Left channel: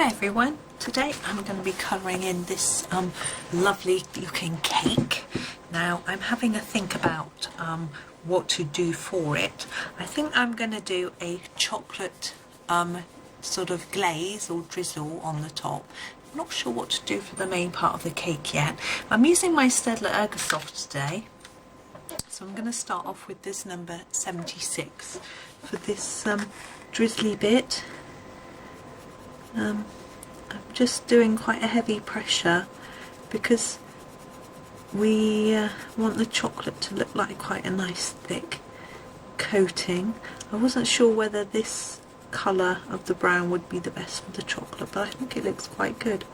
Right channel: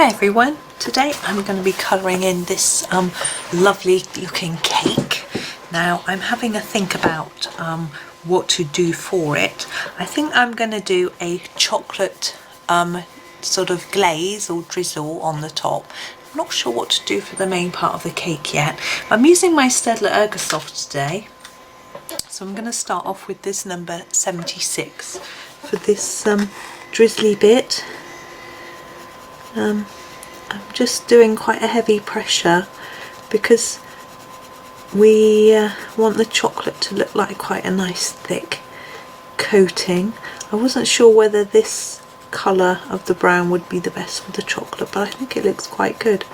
Hi everyone, today I'm going to be colouring in this lovely looking cake. Now I'm having a think about what to do for it. I think I'm going to do a chocolate sort of glaze or drizzle on the top. I'm not sure what to do for the main part of the cake yet. I'm using my Staedtler Ergosoft today. So I'm going to start off with this number 76 for this drizzly bit. I'm just doing quite a heavy pressure because we want the chocolate to look like quite a nice thick coating. I wasn't sure whether this colour of the brown would be the best for the chocolate, but I think it looks quite good.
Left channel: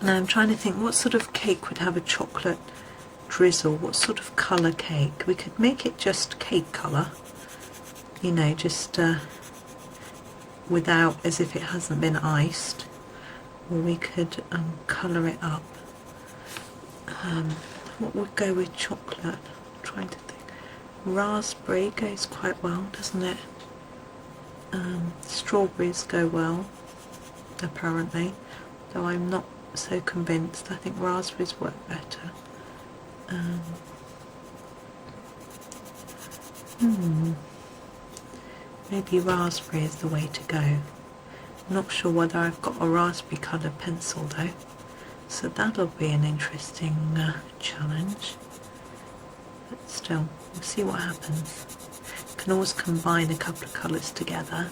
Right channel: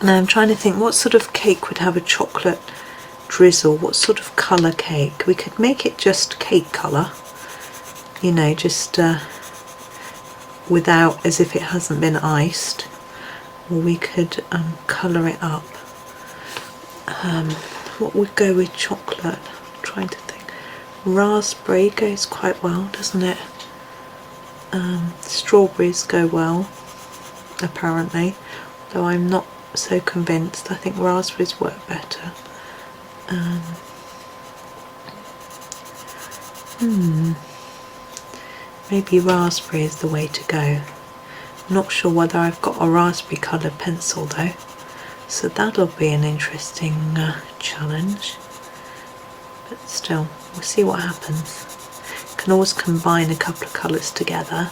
Now I'm trying to think what sort of cake would have a chocolate drizzle, what sort of colour cake. We could make it just cake colour, you know, just without, as if it hasn't been iced, or we could colour it up. What would go with chocolate? I'm trying to think. Raspberry goes quite well, doesn't it? Strawberries go well, apparently, though I'm not so convinced. I think raspberries work better. Maybe raspberry is the way to go. I'm not sure whether I've got a raspberry coloured pencil though, so that'll be an interesting challenge. But still, we'll see what happens. Can always combine a couple of colours together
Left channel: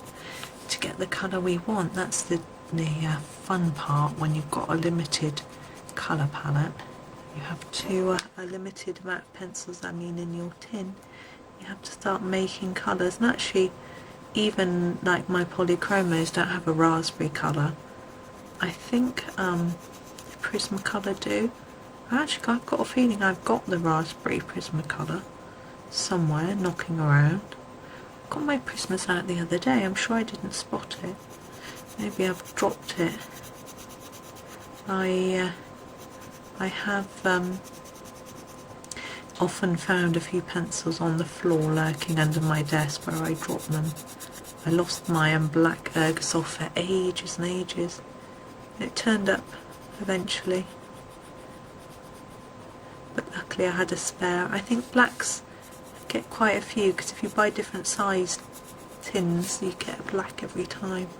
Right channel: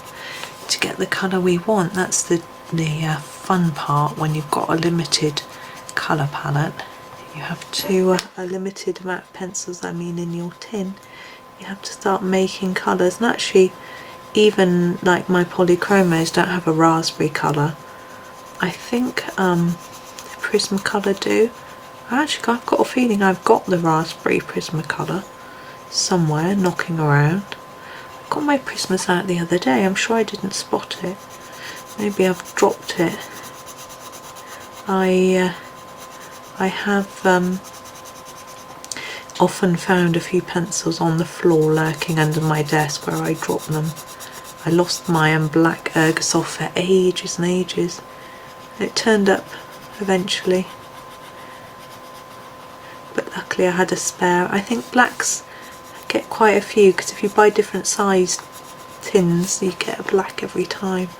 to get the colour we want. That's the fun part when you've got a limited colour palette. You have to, a limited amount of pencils, I mean, in your tin. You have to start making colours, and actually even like my polychromos don't have a raspberry colour. I think Prismacolor do. Actually, I've got a feeling I've got the raspberry Prismacolor somewhere knocking around. I got my Prismas out the other day. I'm sure I didn't spot it. Maybe I've dropped it. I have often found a few pencils on the floor lurking under my desk where I dropped them. I lost my black Ergosoft for ages and ages. It turned up eventually, but luckily I had a spare. I think blacks get quite a few because if you buy different sized tins you get a black every time.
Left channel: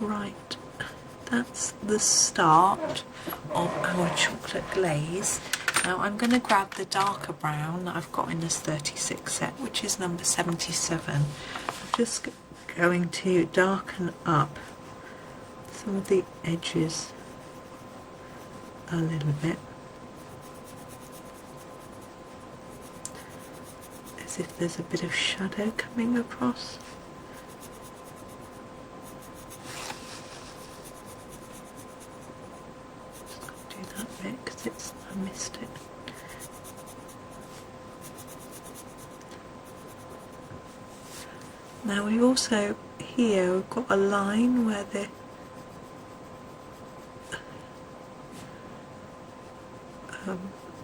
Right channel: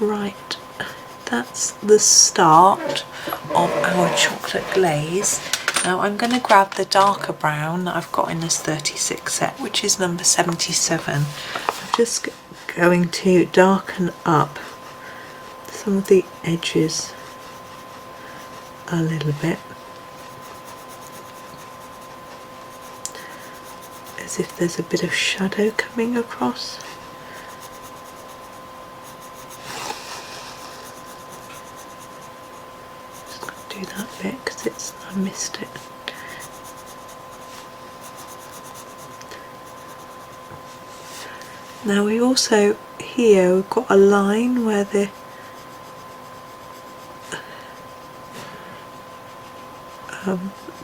Right, that's the start of our chocolate glaze. Now I'm going to grab the darker brown that I've got in this 36 set, which is number 77. I'm just going to darken up some of the edges a little bit, as if there's a bit of shadow coming across. Just going to do that bit because I missed it. Now we also here we've got a line where the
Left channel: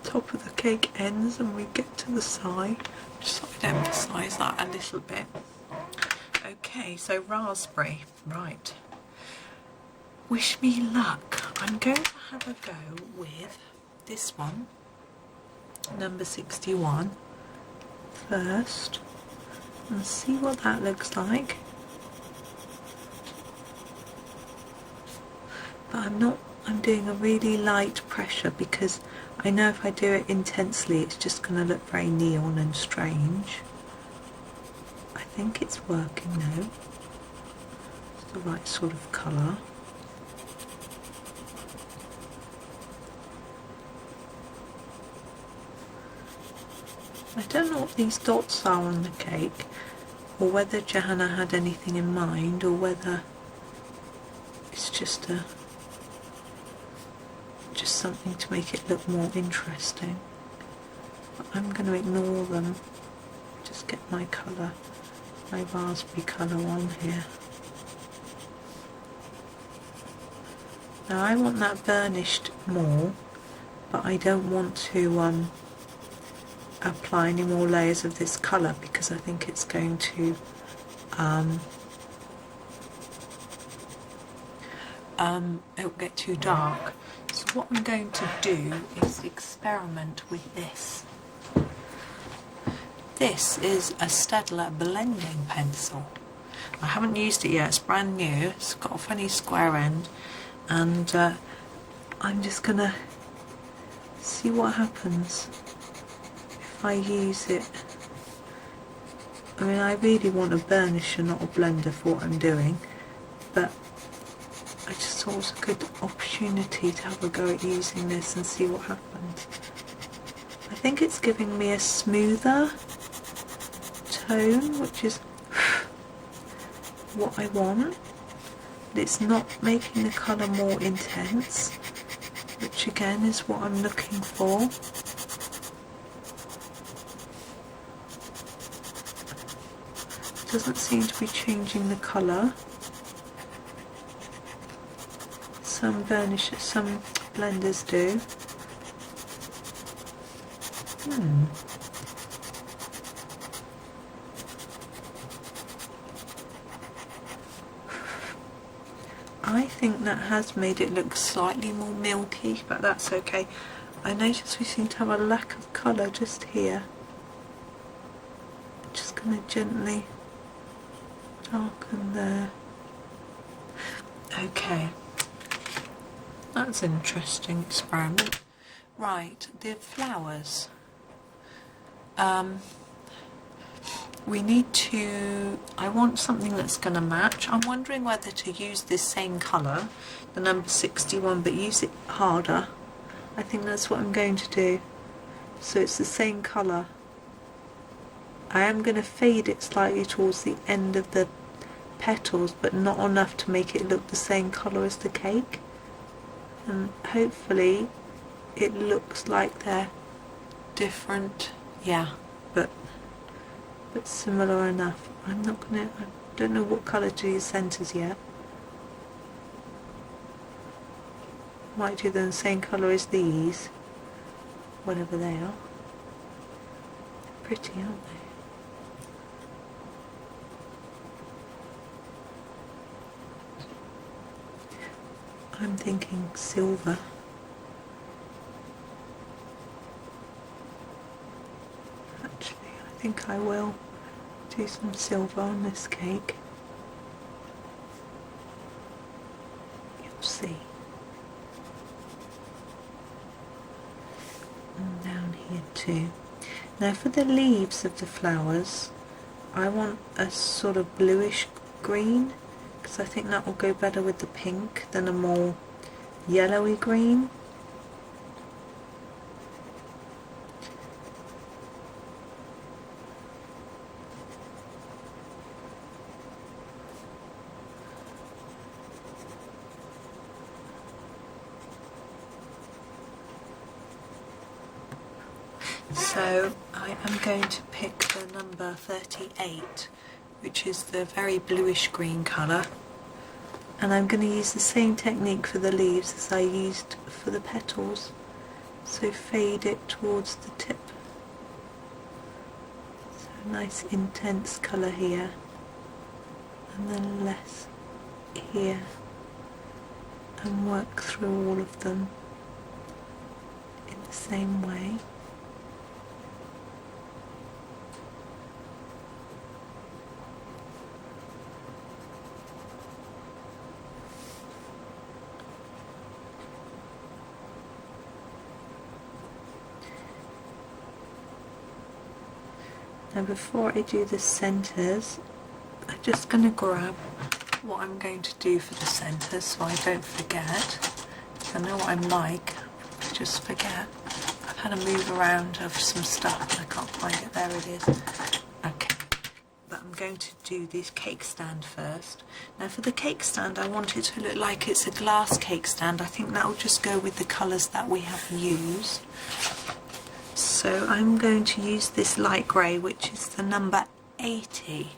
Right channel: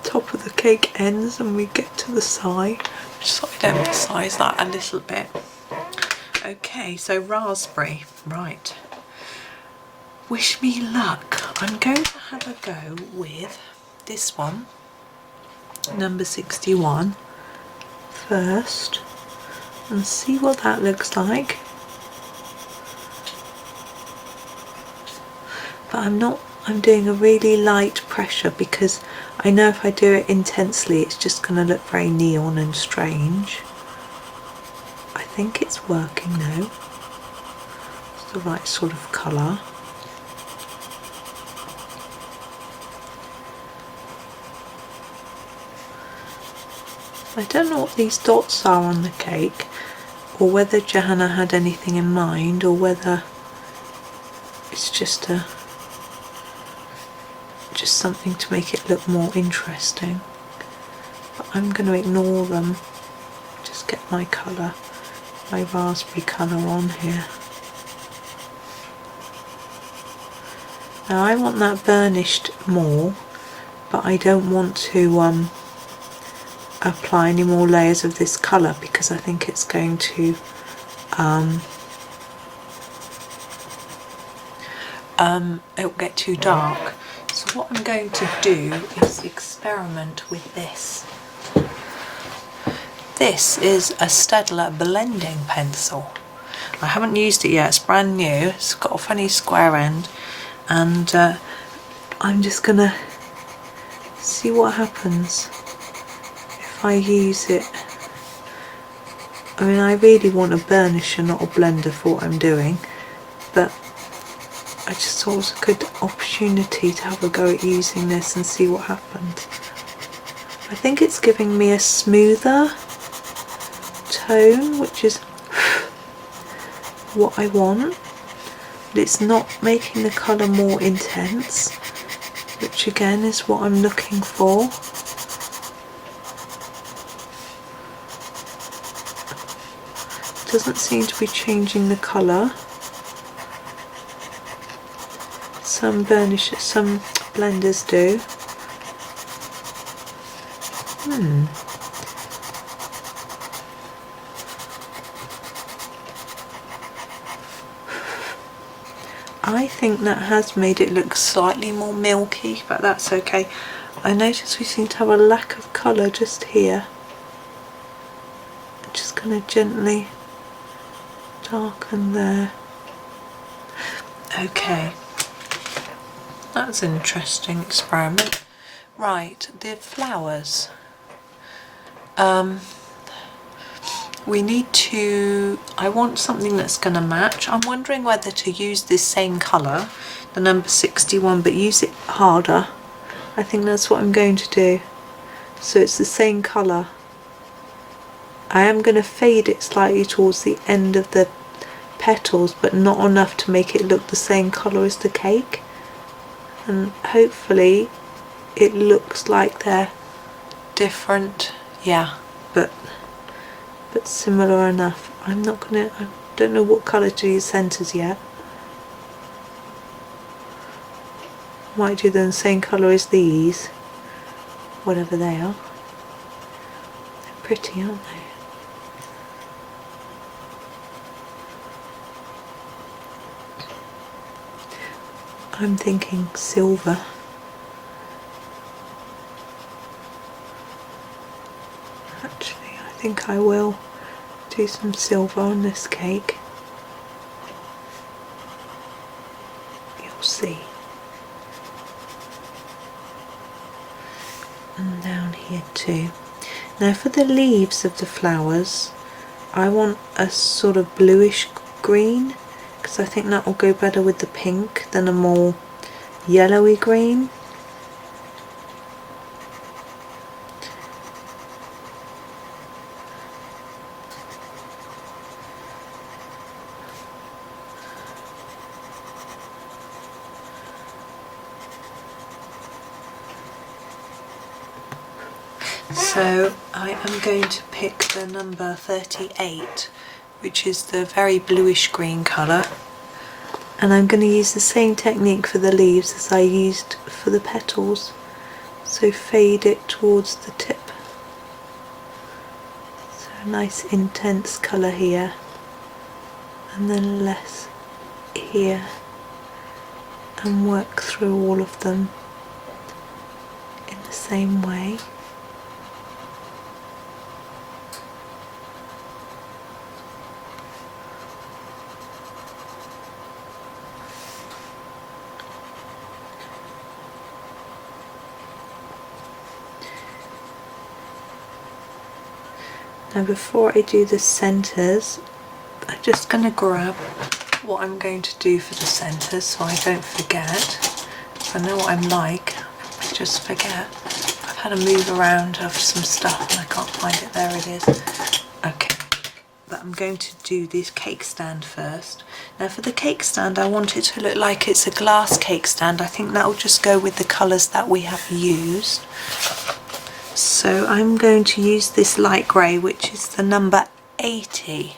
top of the cake ends and we get to the side. Just thought I'd emphasise that a little bit. Okay, so raspberry, right. Wish me luck. I'm going to have a go with this one, number 61, first, and see what that looks like. But I'm doing a really light pressure because I know if I do it intensely it's just going to look very neon and strange. I think it's working though. It's the right sort of colour. I don't know what these dots are on the cake, or whether Johanna had anything in mind, or whether it's just something to make it look more interesting. But I'm going to ignore them. Just get my colour, my raspberry colour on here. Now I want that burnished more, but I don't want to apply any more layers of this colour because I think it's going to it'll get too dark. So what I'm going to do is experiment with this. This is a Staedtler blending pencil. I haven't used it yet, it's brand new, it's got a funny square end, and I'm just gonna see what happens if I use it. I mean, I really want a burnisher, not a blender for what I'm doing, but I just thought it was a good opportunity to have a go at using this and see what happens. I think it's giving me a smoother tone, which is what I want, but it's not making the colour more intense, which again is what I'm looking for. It doesn't seem to be changing the colour. Some blenders do. I think that has made it look slightly more milky, but that's okay. I notice we seem to have a lack of colour just here. I'm just going to gently darken there. Okay. That's an interesting experiment. Right, the flowers. We need to, I want something that's going to match. I'm wondering whether to use this same colour, the number 61, but use it harder. I think that's what I'm going to do. So it's the same colour. I am going to fade it slightly towards the end of the petals, but not enough to make it look the same colour as the cake. And hopefully it looks like they're different, yeah, but similar enough. I don't know what colour to use centres yet. Might do them the same colour as these, whatever they are. They're pretty, aren't they? I'm thinking silver. Actually, I think I will do some silver on this cake. You'll see. And down here too. Now for the leaves of the flowers, I want a sort of bluish green, because I think that will go better with the pink than a more yellowy green. So I am going to pick the number 38, which is the very bluish green colour, and I'm going to use the same technique for the leaves as I used for the petals. So fade it towards the tip. So a nice intense colour here, and then less here, and work through all of them in the same way. Now before I do the centres, I'm just going to grab what I'm going to do for the centres so I don't forget. I know what I'm like, I just forget. I've had a move around of some stuff and I can't find it. There it is. Okay, but I'm going to do this cake stand first. Now for the cake stand, I want it to look like it's a glass cake stand. I think that will just go with the colours that we have used. So I'm going to use this light grey, which is the number 80,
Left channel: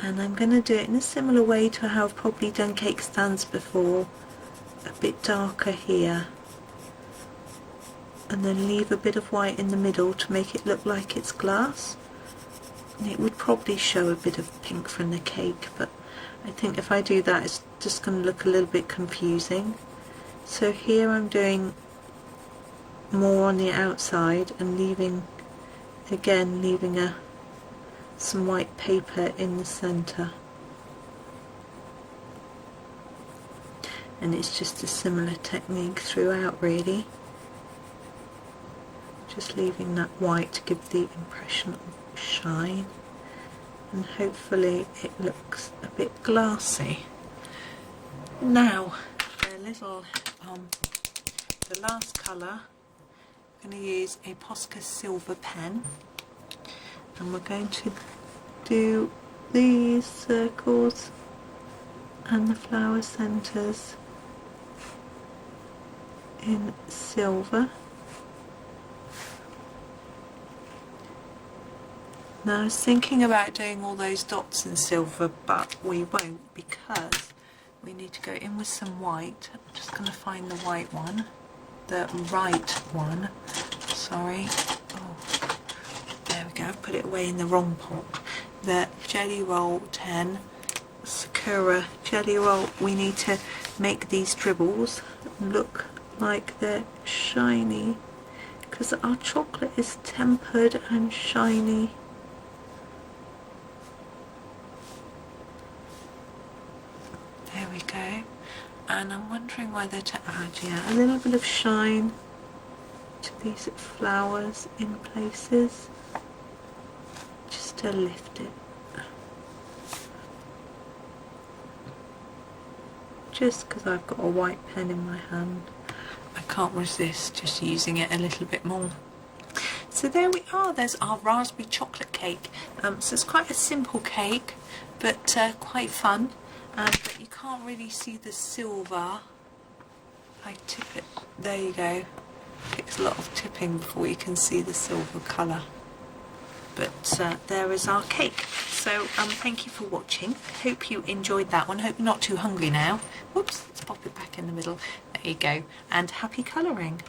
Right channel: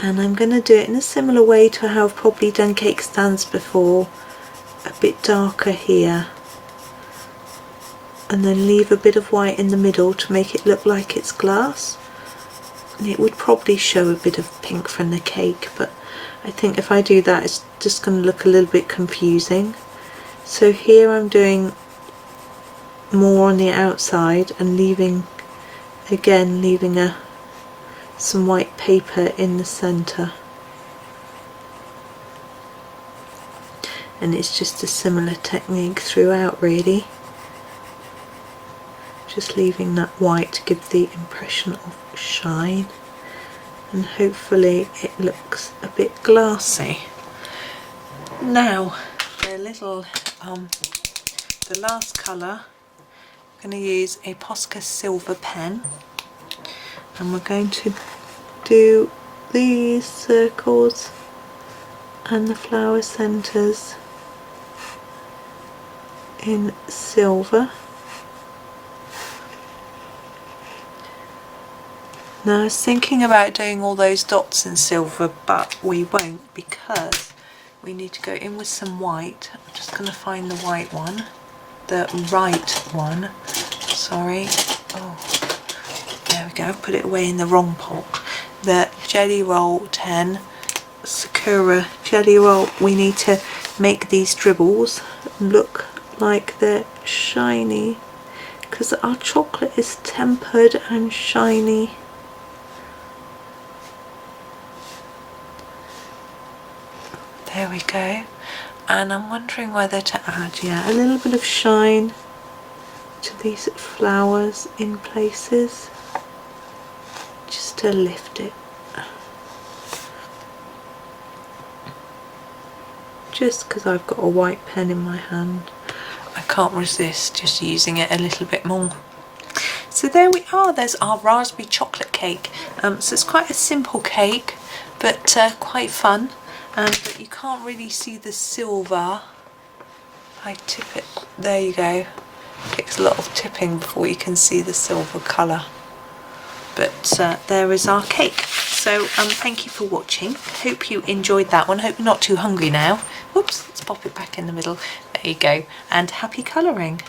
and I'm going to do it in a similar way to how I've probably done cake stands before, a bit darker here, and then leave a bit of white in the middle to make it look like it's glass. And it would probably show a bit of pink from the cake, but I think if I do that it's just going to look a little bit confusing. So here I'm doing more on the outside and leaving some white paper in the centre. And it's just a similar technique throughout really. Just leaving that white to give the impression of shine, and hopefully it looks a bit glassy. Now the last colour, I'm going to use a Posca silver pen, and we're going to do these circles and the flower centres in silver. Now I was thinking about doing all those dots in silver, but we won't because we need to go in with some white. I'm just going to find the white one, the right one, sorry. Oh, there we go, I've put it away in the wrong pot. The Jelly Roll 10 Sakura Jelly Roll. We need to make these dribbles look like they're shiny because our chocolate is tempered and shiny. There we go. And I'm wondering whether to add, a little bit of shine to these flowers in places, just to lift it. Just because I've got a white pen in my hand, I can't resist just using it a little bit more. So there we are, there's our raspberry chocolate cake. So it's quite a simple cake, but quite fun. But you can't really see the silver. I tip it, there you go. It takes a lot of tipping before you can see the silver colour. But there is our cake. So thank you for watching. Hope you enjoyed that one. Hope you're not too hungry now. Whoops, let's pop it back in the middle. There you go. And happy colouring.